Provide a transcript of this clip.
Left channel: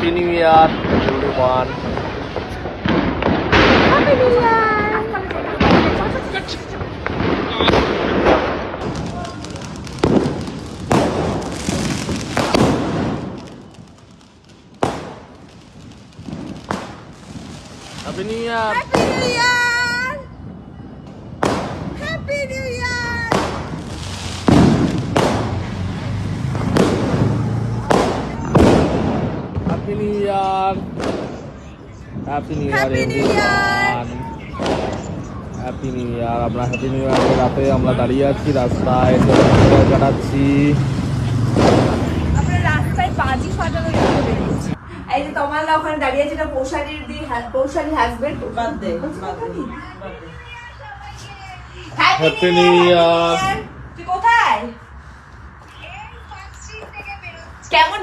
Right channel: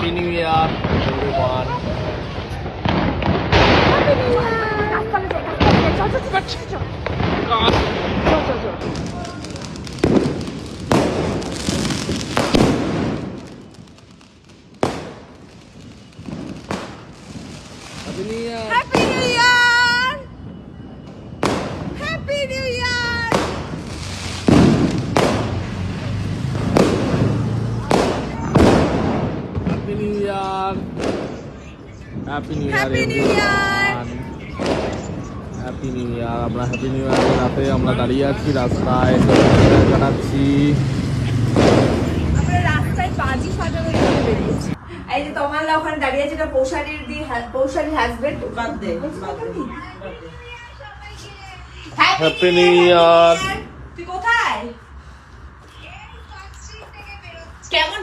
Happy new ইয়ার everyone. Happy new ইয়ার। Happy new ইয়ার। Happy new ইয়ার। Happy new ইয়ার। Happy new ইয়ার। Happy new ইয়ার Happy New Year! Everyone. Happy new ইয়ার। আমরা happy new ইয়ারের রাতে আমরা দাঁড়িয়ে আছি রাস্তায়, কাটাচ্ছি। আমরা রাস্তায় বাজি ফাটানো শুরু করেছি। এই যে তোমাল্লা ওখানে দাঁড়িয়ে আছে, এটা পৌশালীর husband. Birthday happy new year. তুই কোথায়? কেমন